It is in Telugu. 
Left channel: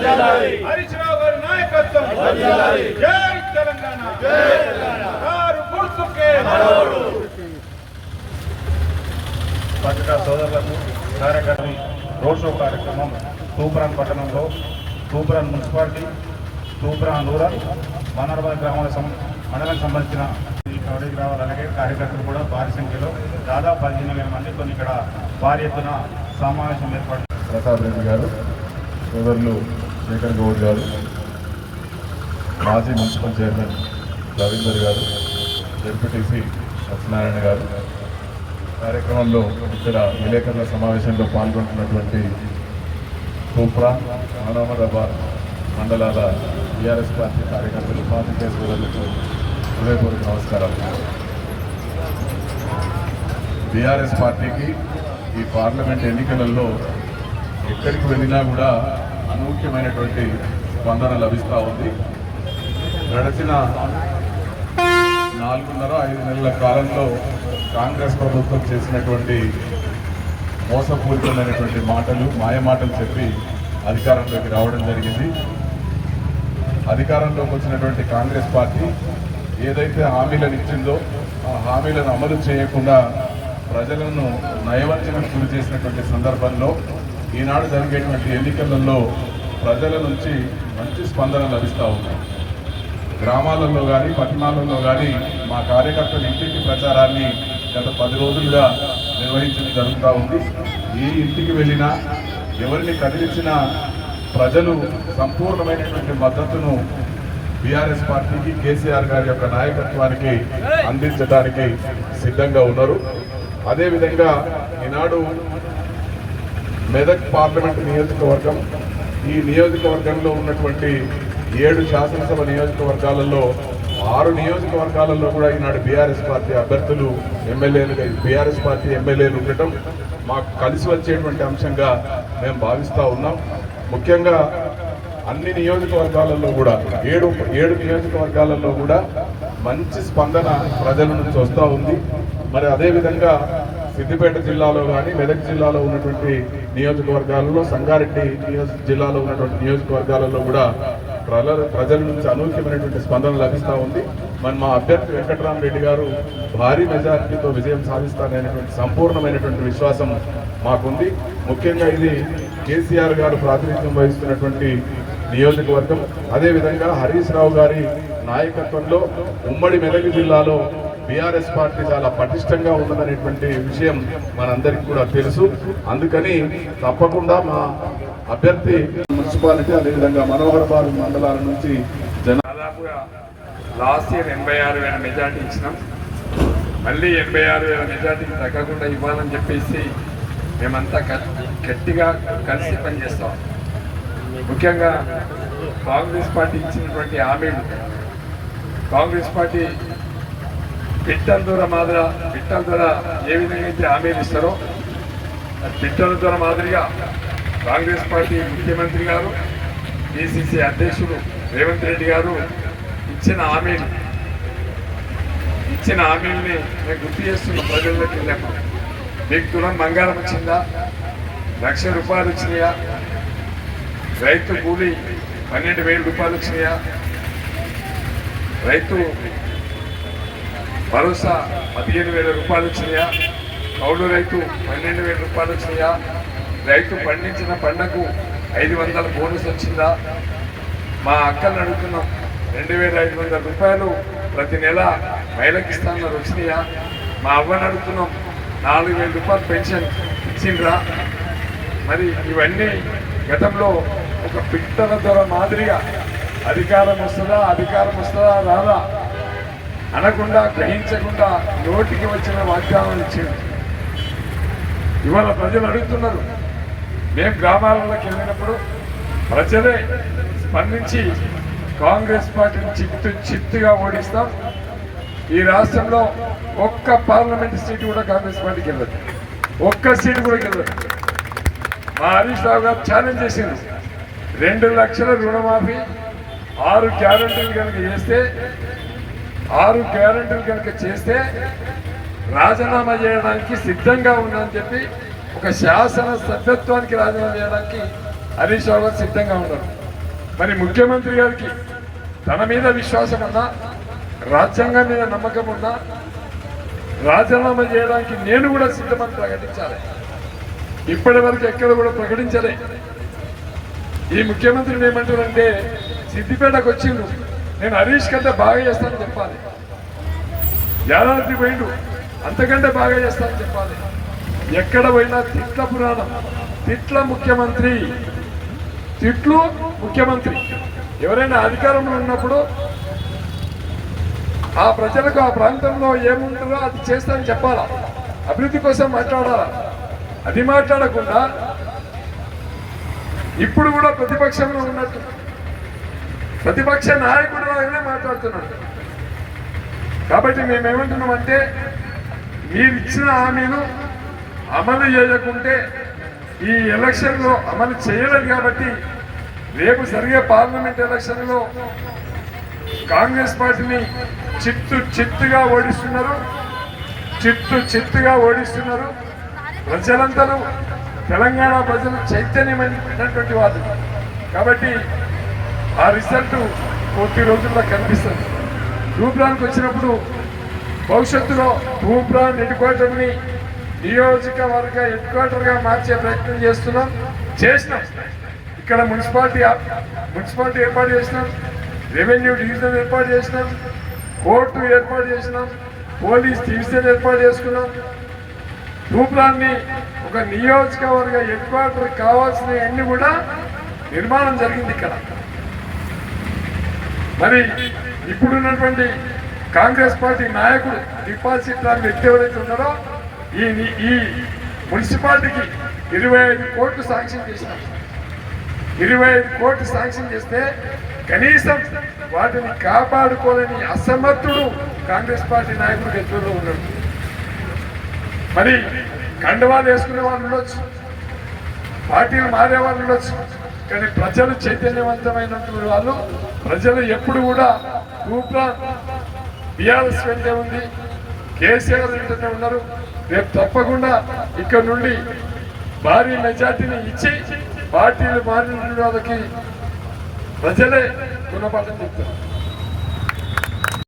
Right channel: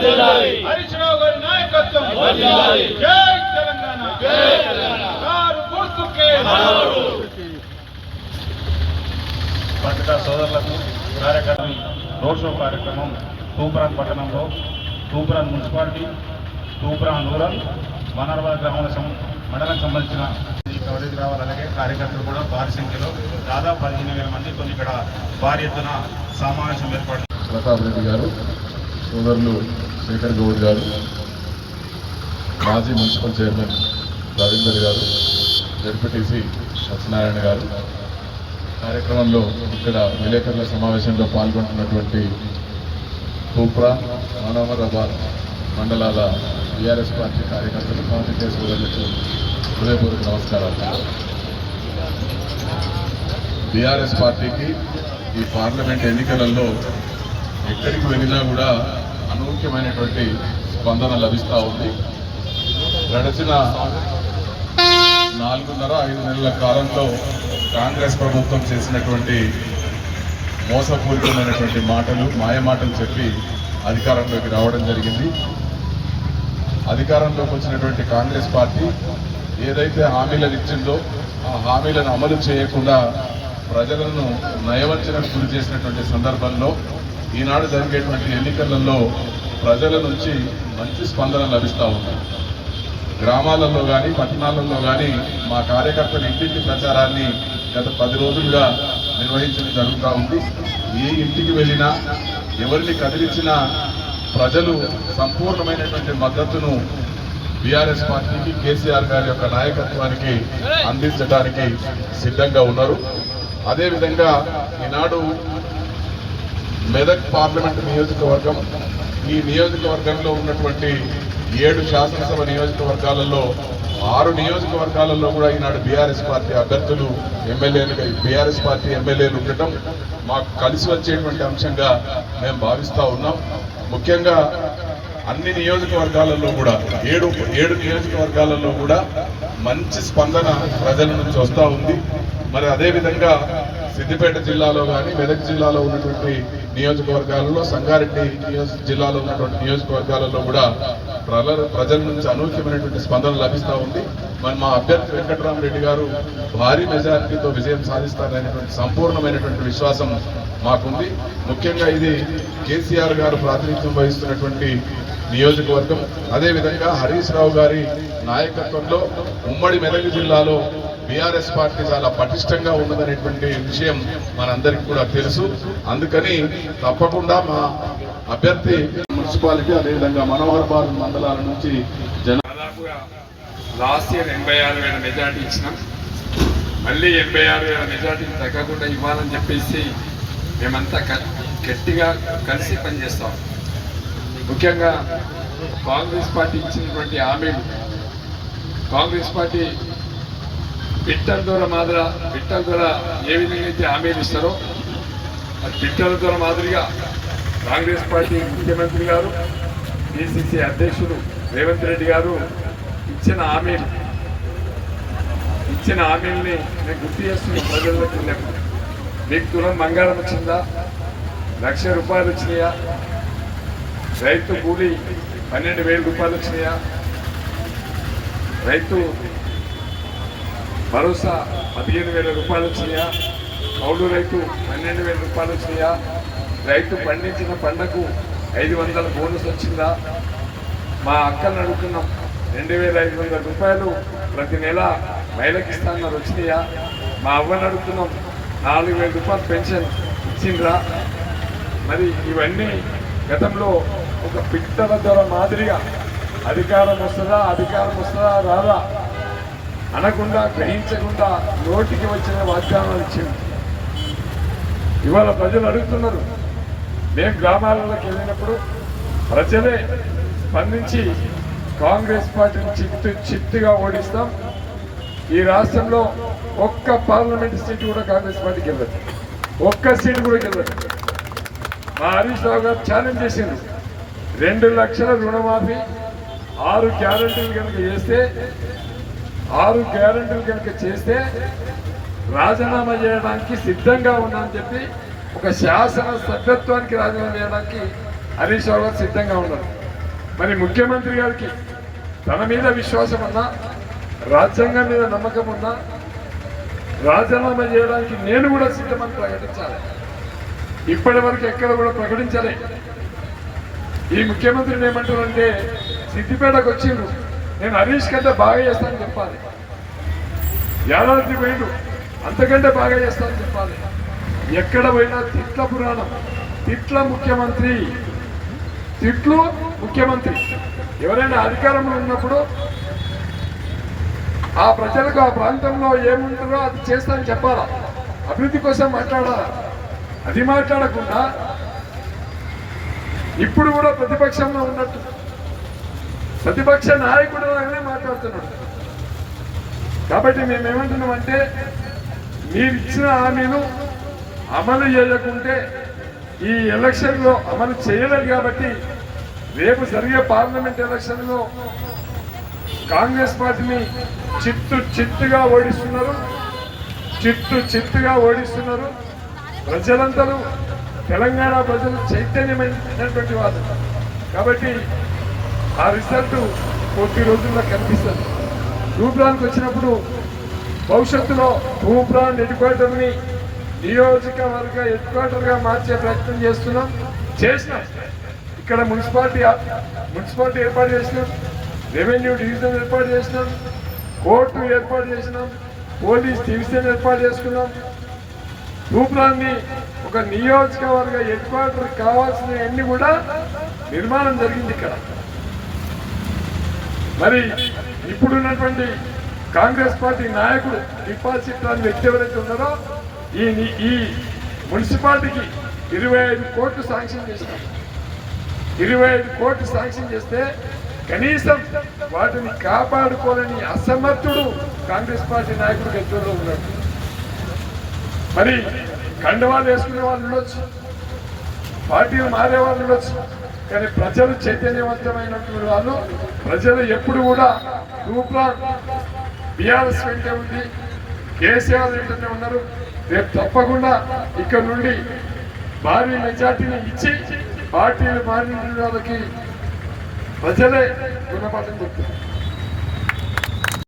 హరీష్ రావు గారి నాయకత్వం. జై తెలంగాణ. కారు గుర్తుకే. పత్రికా సోదరులకు కార్యక్రమం రోడ్ షో కార్యక్రమం తూప్రాన్ పట్టణంలో తూప్రాన్ మున్సిపాలిటీ తూప్రాన్ రూరల్ మనర్వల్ మండలం సంబంధించిన ఈ కాలేజీ రావాలి. అలాగే కార్యకర్తలు కూడా భారీ సంఖ్యలో దాదాపు 15,000 మందితో ఇక్కడ భారీ ఎత్తున సమావేశం ఏర్పాటు. ప్రసాద్ రెడ్డి గారు, సోదరులు శేఖర్ గౌడ్ గారు, మాజీ మున్సిపల్ చైర్మన్ రవీందర్ గారు, జడ్పీటీసీ సత్యనారాయణ గారు, కార్యక్రమంలో ఇక్కడ విలేకరుల సమావేశంలో పాల్గొంటున్నటువంటి తూప్రాన్ మనోహరాబాద్ మండలాల టీఆర్ఎస్ పార్టీ కార్యకర్తలు, పార్టీ సోదరులకు హృదయపూర్వక నమస్కారం. టీఆర్ఎస్ పార్టీకి ఈ పార్లమెంట్ ఎన్నికలలో ఎక్కడికి వెళ్ళినా కూడా అనూహ్యమైనటువంటి స్పందన లభిస్తూ ఉంది. గడిచిన 4.5-5 నెలల కాలంలో కాంగ్రెస్ ప్రభుత్వం చేసినటువంటి మోసపూరితమైనటువంటి మాటలు, మాయమాటలు చెప్పి అధికారంలోకి రావడం జరిగింది. అధికారంలోకి వచ్చినటువంటి కాంగ్రెస్ పార్టీ ఏదైతే హామీలను ఇచ్చిందో ఆ హామీలను అమలు చేయకుండా ప్రజలను నయవంచనకు గురి చేసినటువంటి సందర్భంలో ఈనాడు జరిగేటువంటి ఎన్నికలలో ప్రజల నుంచి మంచి స్పందన లభిస్తూ ఉంది. గ్రామాలలో కానీ పట్టణాలలో కానీ మా కార్యకర్తలు ఇంటింటి ప్రచారాన్ని గత 10 రోజులుగా నిర్వహించడం జరుగుతూ ఉంది. ఏ ఇంటికి వెళ్ళినా ఎవరిని కదిలించినా ప్రజలు సంపూర్ణమైనటువంటి మద్దతును బీఆర్ఎస్ పార్టీకి, కేసీఆర్ గారి యొక్క నాయకత్వానికి అందించడానికి సిద్ధంగా ఉన్నారు. అదేవిధంగా ఈనాడు మెదక్ పార్లమెంటు నియోజకవర్గం, ఈ నియోజకవర్గంలో ఉన్నటువంటి 7 శాసనసభ నియోజకవర్గాలలో 6 నియోజకవర్గాలలో కూడా ఈనాడు బీఆర్ఎస్ పార్టీ అభ్యర్థులు, ఎమ్మెల్యేలు, బీఆర్ఎస్ పార్టీ ఎమ్మెల్యేలు ఉండటం మాకు కలిసి వచ్చేటువంటి అంశంగా మేము భావిస్తూ ఉన్నాం. ముఖ్యంగా అన్ని నియోజకవర్గాలలో కూడా 7 నియోజకవర్గాలలో కూడా మంచి స్పందన ప్రజల నుంచి వస్తూ ఉంది. మరి అదేవిధంగా సిద్దిపేట జిల్లాలో కానీ, మెదక్ జిల్లాలో ఉన్నటువంటి నియోజకవర్గాలలో, సంగారెడ్డి జిల్లాలో ఉన్నటువంటి నియోజకవర్గాలలో కూడా ప్రజల నుంచి అనూహ్యమైనటువంటి స్పందన లభిస్తూ ఉంది. మరి మా అభ్యర్థి వెంకటరామరెడ్డి గారు భారీ మెజారిటీతో విజయం సాధిస్తారనేటువంటి సంపూర్ణమైనటువంటి విశ్వాసం మాకుంది. ముఖ్యంగా ఇది కేసీఆర్ గారు ప్రాతినిధ్యం వహిస్తున్నటువంటి నియోజకవర్గం. అదేవిధంగా హరీష్ రావు గారి నాయకత్వంలో ఉమ్మడి మెదక్ జిల్లాలో బీఆర్ఎస్ పార్టీ చాలా పటిష్టంగా ఉన్నదనేటువంటి విషయం మనందరికీ కూడా తెలుసు. అందుకని తప్పకుండా మా అభ్యర్థి మున్సిపాలిటీ, అదేవిధంగా మనోహరాబాద్ మండలాల నుంచి దాదాపుగా లాస్ట్ ఇయర్ 86,000 మెజార్టీ ఇచ్చినాం. మళ్ళీ 86,000 మెజార్టీని తగ్గకుండా ఇవ్వాలని చెప్పేసి మేమంతా గట్టిగా కలిసి పనిచేస్తాం. ముఖ్యంగా కాంగ్రెస్ పార్టీ ఇచ్చినటువంటి హామీలు, కాంగ్రెస్ పార్టీ పిట్టల ద్వారా ఏ విధంగా అయితే హామీలు ఇస్తారో పిట్టల ద్వారా మాదిరిగా కాంగ్రెస్ పార్టీ ముఖ్యమంత్రి గారు, పిసిసి అధ్యక్షుడు రేవంత్ రెడ్డి గారు ఇచ్చిన హామీల్ని నేను గుర్తు చేస్తున్న ప్రజల్లోకి. మీకు తులం బంగారం వచ్చిందా? 1,00,000 రూపాయలు వచ్చినాయా? రైతు కూలి 12,000 రూపాయలు వచ్చినాయా? రైతు భరోసా 15,000 రూపాయలు వచ్చినాయా? కౌలు రైతు 12,000 రూపాయలు వచ్చినాయా? రైతు పండించిన పంటకు 500 బోనస్ వచ్చిందా? మా అక్కలను అడుగుతున్నాం, 2,500 రూపాయలు ప్రతి నెల మహిళకి ఇస్తానన్నారు, వచ్చినాయా? మా అవ్వని అడుగుతున్నాం, 4,000 రూపాయలు పెన్షన్ ఇచ్చిండ్రా? మరి ఇవన్నీ గతంలో ఒక పిట్టల ద్వారా మాదిరిగా అధికారం వస్తుందా రాదా అనకుండా, గ్రహించకుండా నోటికి వచ్చిన వాగ్దానాలు ఇచ్చింది. ఇవాళ ప్రజలు అడుగుతున్నారు. మేము గ్రామాలలోకి వెళ్ళినప్పుడు ప్రజలే స్పందించి కాంగ్రెస్ పార్టీని చిత్తుగా ఓడిస్తాం, ఈ రాష్ట్రంలో ఒక్క పార్లమెంట్ సీటు కూడా కాంగ్రెస్ పార్టీకి వెళ్ళదు, ఒక్క సీటు కూడా వెళ్ళదు. మా హరీష్ రావు గారు ఛాలెంజ్ చేసింది, 2 లక్షల రుణమాఫీ, 6 గ్యారంటీలు కనుక చేస్తే రాజీనామా చేయడానికి సిద్ధంగా ఉందని చెప్పి, ఒక శాసన సభ్యత్వానికి రాజీనామా చేయడానికి హరీష్ రావు గారు సిద్ధంగా ఉన్నారు. మరి ముఖ్యమంత్రి గారికి తన మీద విశ్వాసం ఉన్నా, రాజ్యాంగం మీద నమ్మకం ఉన్నా రాజీనామా చేయడానికి నేను కూడా సిద్ధమని ప్రకటించాలి. ఇప్పటి వరకు ఎక్కడ కూడా ప్రకటించలే. ఈ ముఖ్యమంత్రిని ఏమంటారంటే సిద్దిపేటకు వచ్చిండు, నేను హరీష్ కంటే బాగా చేస్తానని చెప్పాలి. యాదాద్రి పోయిండు, అంతకంటే బాగా చేస్తానని చెప్పాలి. ఎక్కడ పోయినా తిట్ల పురాణం, తిట్ల ముఖ్యమంత్రి, తిట్లు ముఖ్యమంత్రి. ఎవరైనా అధికారంలో ఉన్నప్పుడు ఆ ప్రజలకు ఆ ప్రాంతంలో ఏముంటారో అది చేస్తానని చెప్పాలా, అభివృద్ధి కోసం మాట్లాడాలా. అది మాట్లాడకుండా ఇప్పుడు కూడా ప్రతిపక్షంలో ఉన్నట్టు ప్రతిపక్ష నాయకుడు మాట్లాడుతున్నాడు. కాబట్టి మేమేమంటున్నామంటే మీరు ఇచ్చిన హామీను అమలు చేయకుంటే ఈ ఎలక్షన్లో అమలు చేయలేదు. కాబట్టి రేపు జరిగే పార్లమెంట్ ఎలక్షన్లో కాంగ్రెస్ పార్టీని చిత్తుగా ఓడిస్తున్నారు. ప్రజలంతా తెలంగాణ ప్రజలు చైతన్యమైనటువంటి వాళ్ళు. కాబట్టి ఆ రిజల్ట్ కొద్ది రోజుల్లో కనిపిస్తుంది. తూప్రాన్కి వచ్చినప్పుడు భవిష్యత్తులో తూప్రాన్ హెడ్ క్వార్టర్ని నియోజకవర్గ హెడ్ క్వార్టర్గా మార్చే ప్రయత్నం చేసినాం. ఇక్కడ మున్సిపాలిటీ ఏర్పాటు చేసినాం, రెవెన్యూ డివిజన్ ఏర్పాటు చేసినాం, కోర్టు ఏర్పాటు చేసినాం, పోలీస్ డివిజన్ ఏర్పాటు చేసుకున్నాం. తూప్రాన్ని ఒక నియోజకవర్గ హెడ్ క్వార్టర్ కావాల్సిన అన్ని కూడా నిర్మాణం జరిగింది ఇక్కడ. మరి ఇప్పుడున్నటువంటి కాంగ్రెస్ పార్టీ నాయకుడు డిపాజిట్ లాంటి వ్యక్తి ఎవరైతే ఉన్నారో ఈ మున్సిపాలిటీకి 25 కోట్లు శాంక్షన్ చేసినాం. 25 కోట్లు శాంక్షన్ చేస్తే కనీసం వాటిని కాపాడుకోలేని అసమర్థుడు కాంగ్రెస్ పార్టీ నాయకుడు గెలుపులో ఉన్నాడు. మరి కండవాళ్ళు వేసుకునే వాళ్ళు ఉండొచ్చు, పార్టీలు మారే వాళ్ళు ఉండొచ్చు, కానీ ప్రజలు చైతన్యవంతమైనటువంటి వాళ్ళు. ప్రజలు ఎప్పుడు కూడా తూప్రాన్ బీఆర్ఎస్ వెంటే ఉంది, కేసీఆర్ వెంటనే ఉన్నారు. రేపు తప్పకుండా ఇక్కడ నుండి భారీ మెజార్టీని ఇచ్చి పార్టీలు మారిన వాళ్ళకి ప్రజలే గుణపాఠం చెప్తారు.